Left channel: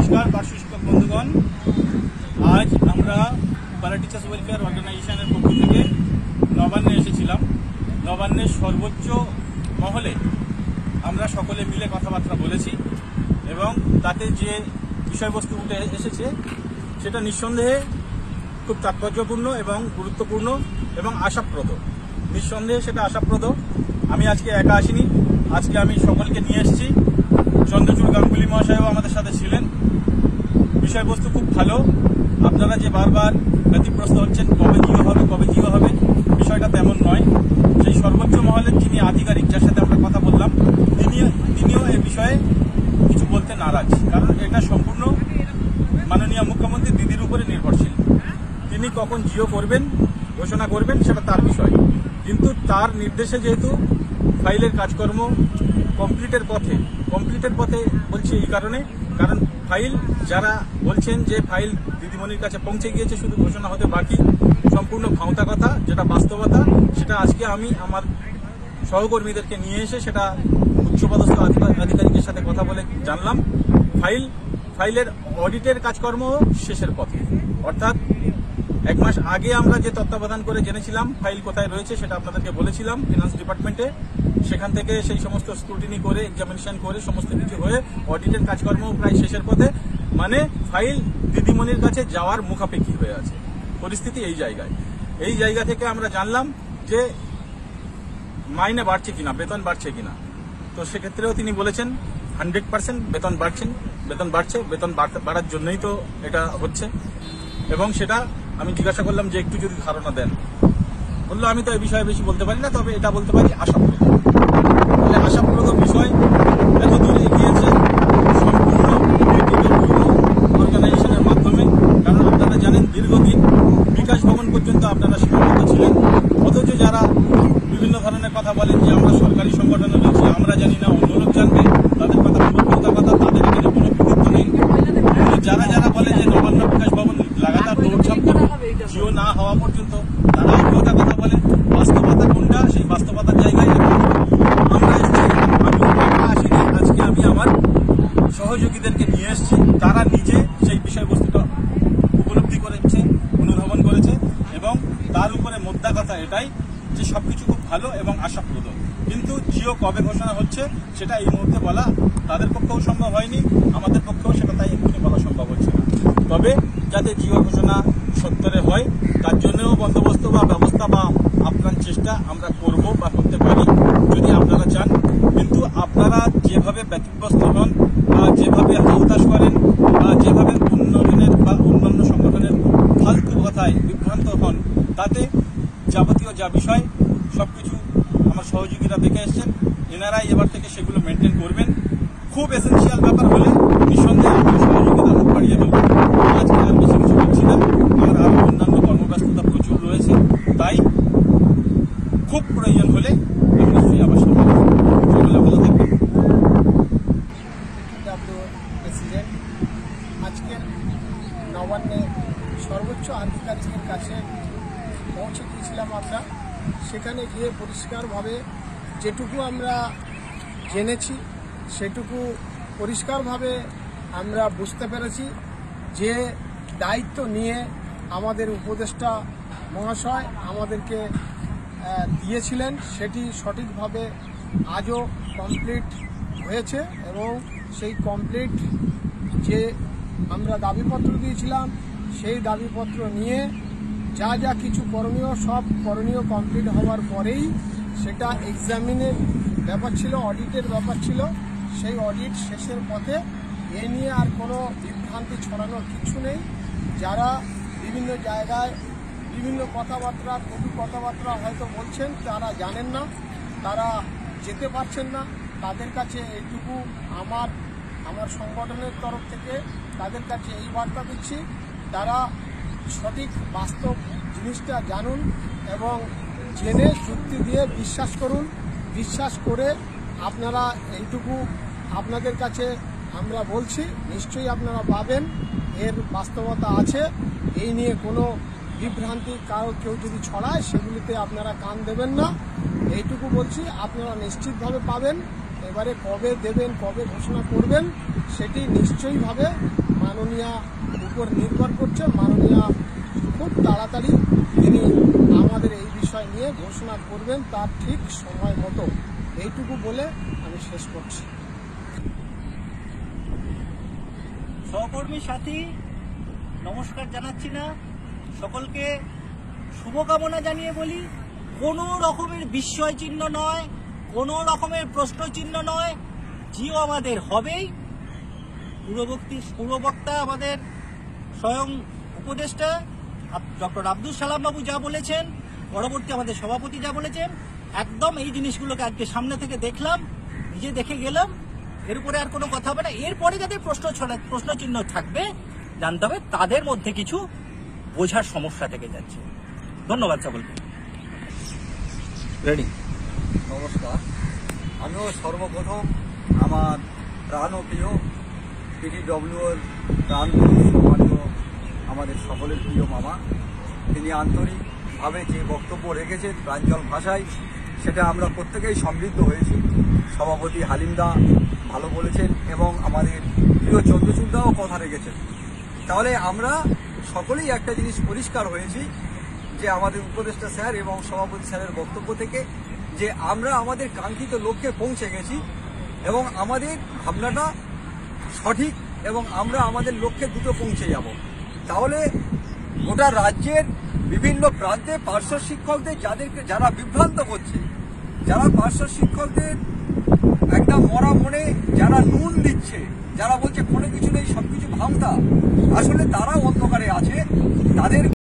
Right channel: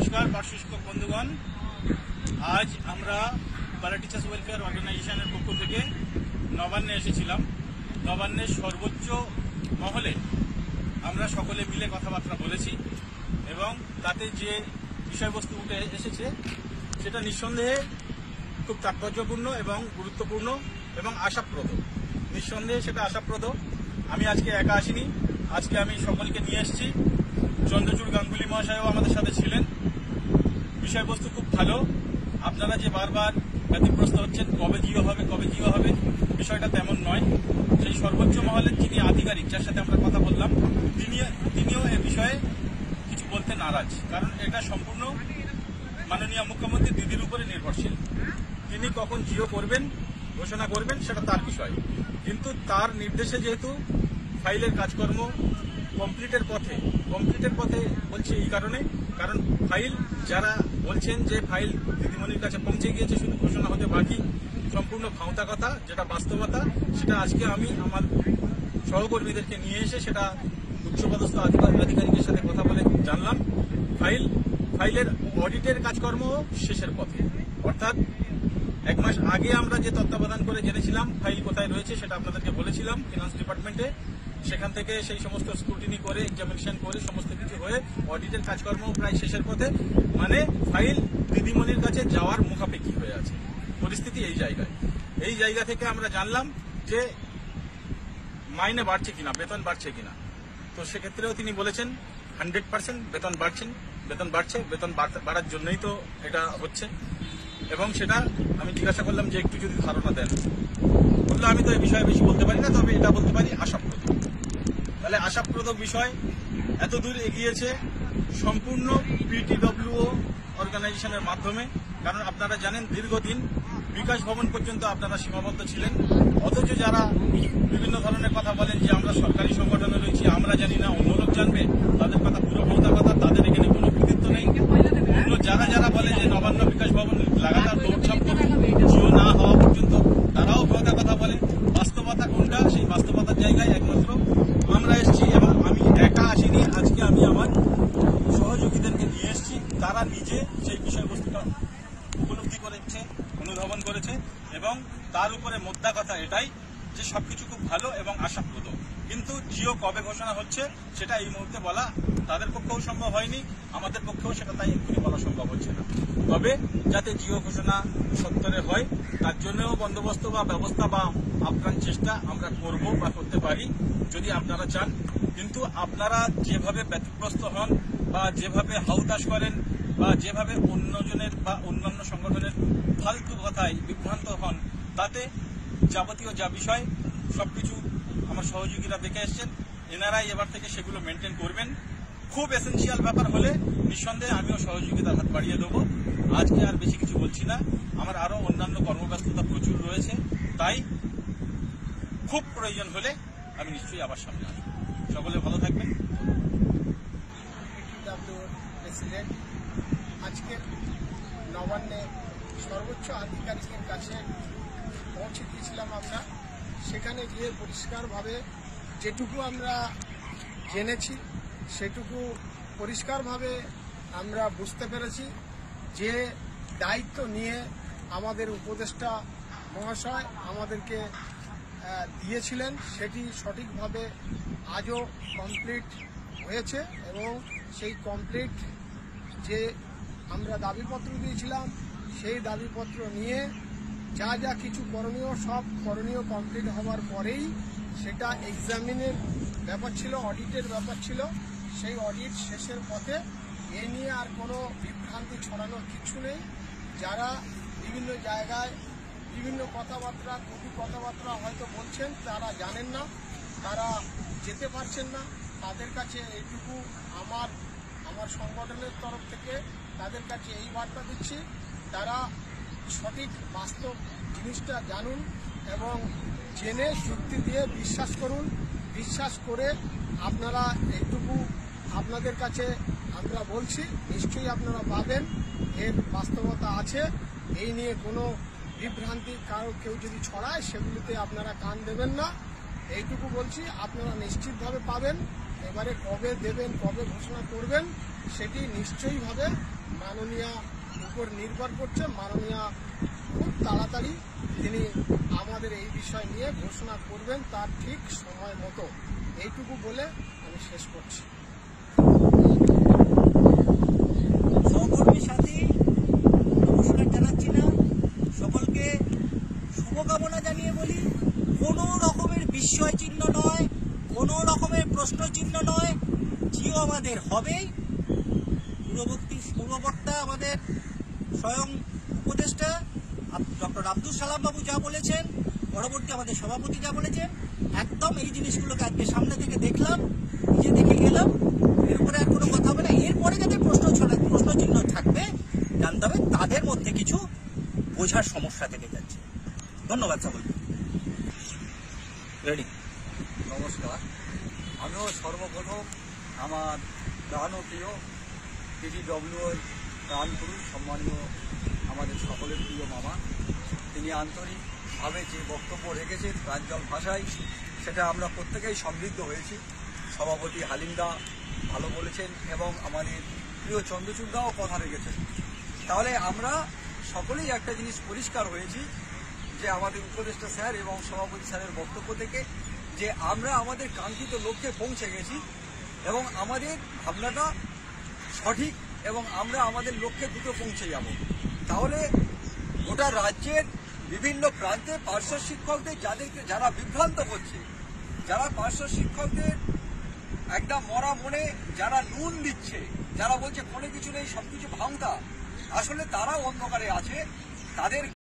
নমস্কার পার্শ্ব শিক্ষক বন্ধুগণ, আজ আমরা প্যারা টিচার্স ওয়েলফেয়ার অর্গানাইজেশনের পক্ষ থেকে নবান্নে এসেছিলাম। নবান্নের সর্বোচ্চ মহলে আমরা সকলে মিলে কথাবার্তা বলেছি এবং তাতে যে বিষয়বস্তু উঠে এসেছে সেটা নিঃসন্দেহে খুব তাৎপর্যপূর্ণ এবং গুরুত্বপূর্ণ এবং আশাপ্রদ। নিঃসন্দেহে সেটা আশাপ্রদ। আমি আজকে একা আসিনি, আজকে আমি সকলকে নিয়ে এসেছি। চন্দ্রচূড় গাঙ্গুলি মহাশয়ও আমাদের সাথে ছিলেন। বিষয়বস্তু খুব ভালো। আপনারা যে বারবার ব্যতিগ্রস্ত হচ্ছেন কবে জিও হবে, বিষয়টা তেমন নয়। সেই সর্বোচ্চ মহলের যিনি আধিকারিক, যার সাথে আমরা কথা বললাম, তিনিও এ বিষয়ে কিছু বলতে নারাজ, কারণ এটা সম্পূর্ণ মাননীয় মুখ্যমন্ত্রী দিদির উপরে নির্ভরশীল। তিনি কখন জিও করবেন, ঘোষণা করবেন, সেটা তার বিষয়। কিন্তু তার নির্দেশে যেহেতু ফাইলের কাজকর্ম কমপ্লিটের পথে বলছি এই কারণ ফাইল যারা বলছেন যে ফাইল দিদিমণির কাছে পৌঁছে গিয়েছে, শুধু ঘোষণা হতে বাকি, সম্পূর্ণ ভাঁওতা কথা, যেটা বাস্তবতা। সেটা আজকে আমি আমার সহকর্মীদেরকে নিয়ে এসে সেটা উচ্চপদস্থ আধিকারিকের সাথে কথা বলে জানলাম। ফাইলের অডিটের কাজকর্ম শেষের পথে, অর্থাৎ 1 মাস আগে আমরা যে তত্ত্বাবধান করে জেনেছিলাম ফাইল কোথায় রয়েছে, সেটা আপনাদেরকে বলেছিলাম ফিনান্স ডিপার্টমেন্টে। সেখান থেকে সেই সমস্ত স্ক্রুটিনি করে, এক্সামিনেশন করে, সমস্ত কিছু হয়ে অডিটের কাজকর্ম প্রায় শেষের পথে। মানে ফাইল দিদিমণির কাছে যাওয়ার মুখাপেক্ষি হয়ে আছে। পরিস্থিতি এই জায়গা থেকে আমরা জানলাম যে মাইনে বাড়ছে কিনা, বেতন বাড়ছে কিনা। তো সেক্ষেত্রেও তিনি বলেছেন 100% বেতন বাড়ছে, বেতন বাড়ার জন্যই তো এটা হচ্ছে। এবং সেটা আমি জিজ্ঞাসা করলাম যে একটু যদি ধারণা দেন। বললো আমি তো এই বিষয়ে বেশি বলতে পারি না, তবে এটা বলতে পারি আশাপ্রদ। তাহলে আশাপ্রদ বিষয় এতদূর এগিয়েছে সম্পূর্ণ বিডিডব্লিউ অর্গানাইজেশনের মাধ্যমে। কারণ আপনারা জানেন দীর্ঘদিন বিকাশ ভবন পর্যন্ত আপনারা সীমাবদ্ধ ছিলেন। অথচ যারা বিভিন্ন ধরনের কথা বলেন যে আমরা সরকারি সংগঠনে রয়েছি, আমরা জানি না, অন্য লোক জানবে, তাদের কথা পুরো কথা, তাদের এখানে কোনো কৃতিত্ব নেই। যারা বলে যে নবান্ন বিকাশ ভবন লাগাতার দৌড়ঝাঁপ করবে জিও না হওয়া পর্যন্ত, তারাও কথা বলে। বাস্তবতা কোনটা, সেই বাস্তবতার জায়গায় আমরা এসেছি। আমি একা আসিনি, আজকে আমি আমার সহযোগীদেরকে নিয়ে এসেছি। তারা নিজে সেই বিষয়বস্তুটা উপলব্ধি করেছে, অনুধাবন করেছে এবং তার উপরে মোদ্দা কথা এটাই যে সবকিছু খুব ভালো এবং আশাপ্রদ। কিন্তু জিও কবে ঘোষণা হচ্ছে সেটা এই মুহূর্তে বলা তাদের পক্ষেও সম্ভব হয়নি, আমাদের পক্ষেও সেটা তাই এক্ষুনি বলা সম্ভব হচ্ছে না। তবে যাতে জিও ঘোষণা সত্তরে হয়, তার জন্যও বন্দোবস্ত বা ব্যবস্থা বা আপ্রাণ চেষ্টা আমরা করব বা করতে পারি যদি আপনারা চান। কিন্তু আপনারা যেভাবে ব্যতিগ্রস্ত হন বা যেভাবে হাউতাশ করেন বা যেভাবে অন্যজনের বা অন্যান্য সংগঠনের ফালতু কথায় বিভ্রান্ত হন, তাতে যাবতীয় যা বিষয় সবকিছু আমার সহযোগীরা দেখে এসছেন। এনারাই এবার থেকে সেগুলো মেনটেন করবেন। খুব এসেন্সিয়াল ব্যাপার হলে নিঃসন্দেহে আমি সহযোগিতা হাত বাড়িয়ে দেবো। আজকে আর বেশি কিছু বলছি না, আমার আরো অন্যান্য কর্মব্যস্ততা প্রচুর রয়েছে। তাই খুব প্রয়োজন হলে আমি নিশ্চয়ই আবার সামনে সকলে ভালো থাকবেন। প্রেসিডেন্ট আজকের নবান্নে সর্বোচ্চ আধিকারিকের কাছে পৌঁছে গিয়েছিলাম আমরা। সেখানে গিয়ে পরিষ্কারভাবে যেটুকু আমরা জেনেছি সেটুকু পরিষ্কারভাবে আমরা বুঝতে পেরেছি যে দায়িত্ব নিয়ে আমাদের উপদেষ্টা মহাশয় আমাদেরকে দিয়েছিলেন সেটি সঠিকভাবে আজও কমপ্লিট হয়েছে। এবং সেই কমপ্লিট যে আমরা দাবিপত্র দিয়েছিলাম সেই দাবিপত্র নিয়ে যা কিছু করণীয়, সব করণীয় কমপ্লিট হওয়ার পরেই সেটা এক্সামিনের ব্যাপার ছিল, অডিটের ব্যাপার ছিল। সেই অডিট শেষের পথে এ নিয়ে আর কোনো বিভ্রান্তি ছড়ানোর কিছু নেই। যারা বিভিন্ন জায়গায় বিভিন্ন কথাবার্তা, কটু কথাবার্তা হয়তো বলছেন, তারা জানেন না, তারা যেতে পারছেন না। তাদের কাছে এইটুকু আমার সংগঠনের তরফ থেকে তাদের কাছে এই বার্তা দিচ্ছি, তারা সঠিক বাস্তব জিনিসটা জানুন এবং জেনে যুক্তি দিয়ে বিশ্বাস করুন। বিশ্বাস করে আপনারা এইটুকু আপনাদের কাছে আমরা বলছি, নিশ্চয়ই আপনারা পাবেন এর বাস্তবতা আছে। এই নিয়ে কোনো বিভ্রান্তি কেউ যদি ছড়ায় সেগুলিতে আপনারা কান দেবেন না, এইটুকু বলছি। আপনারা নিশ্চিতভাবে পাবেন এবারে কবে দেবেন, কবে ঘোষণা করবেন সেটি নিশ্চয়ইভাবে মাননীয়া উপর নির্ভর করছে। মাননীয়া খুব তাড়াতাড়ি তিনি আমাদের এই বিষয় নিয়ে ঘোষণা করবেন তার ঠিক সময় মতো। এইটুকু বলে আমি শেষ করছি। সহকর্মী সাথী নমস্কার জানাচ্ছি না, সকলকে শুভকামনা জানিয়ে বলি, কোনো রকমের বিস্ময় চিহ্ন নয়, কোনো রকমের প্রশ্ন চিহ্ন নয়, জিও আমাদের হবেই। পূর্ববক্তা আমাদের স্বয়ং উপদেষ্টা ডক্টর আব্দুল সালাম বাবু যা বলেছেন, পরবর্তী আমাদের সভাপতি যা বলেছেন, একদম এই জিনিসগুলোকে আজকে সামনে থেকে দেখলাম, নিজে দেখে গেলাম। এর উপরে আর কোনো কথা হবে না। এরপরে যাদের প্রশ্ন চিহ্ন থাকবে জানতে হবে তাদের মধ্যে কিছু বোঝার সমস্যা থেকে যাচ্ছে। ধন্যবাদ সকলকে। রেডি। নমস্কার। আমিও সর্বপ্রথম আমার প্রাণ ও প্রিয় পিটিডব্লিউর প্রাণ সম্মানীয় আমাদের সকলের প্রিয় মামা, তিনি আন্তরিকভাবে যে বক্তব্য রেখেছেন প্রাঞ্জল ভাষায়, সেটা আমরা প্রত্যেকেই সমৃদ্ধ হয়েছি। সভাপতি হালিমদা ভালো বলেছেন এবং আমাদের প্রিয় চন্দ্রচূড়দাও কথা রেখেছেন। তাহলে আমরা সকলেই একটা জিনিস পরিষ্কার হয়েছি যে আমাদের উপদেষ্টা স্যার এবং সভাপতি স্যারের বক্তব্য থেকে, যে আমরা আমাদের কাঙ্ক্ষিত লক্ষ্যে পৌঁছে গেছি এবং আমাদের ভাবনাটা সঠিক এবং আমরা আমাদের লক্ষ্যে দ্রুত পৌঁছে যাব। তাহলে গোটা রাজ্যের বিভিন্ন প্রান্তে পার্শ্ব শিক্ষকদের যারা বিভ্রান্ত করছে, যারা পার্শ্ব শিক্ষকদের একটা মরা মনে যারা নুন দিচ্ছে, যারা বলছে কোনো কিছু নেই, সবকিছু ভাঙতা, আসলে তারাও অন্ধকারে আছে। তাদের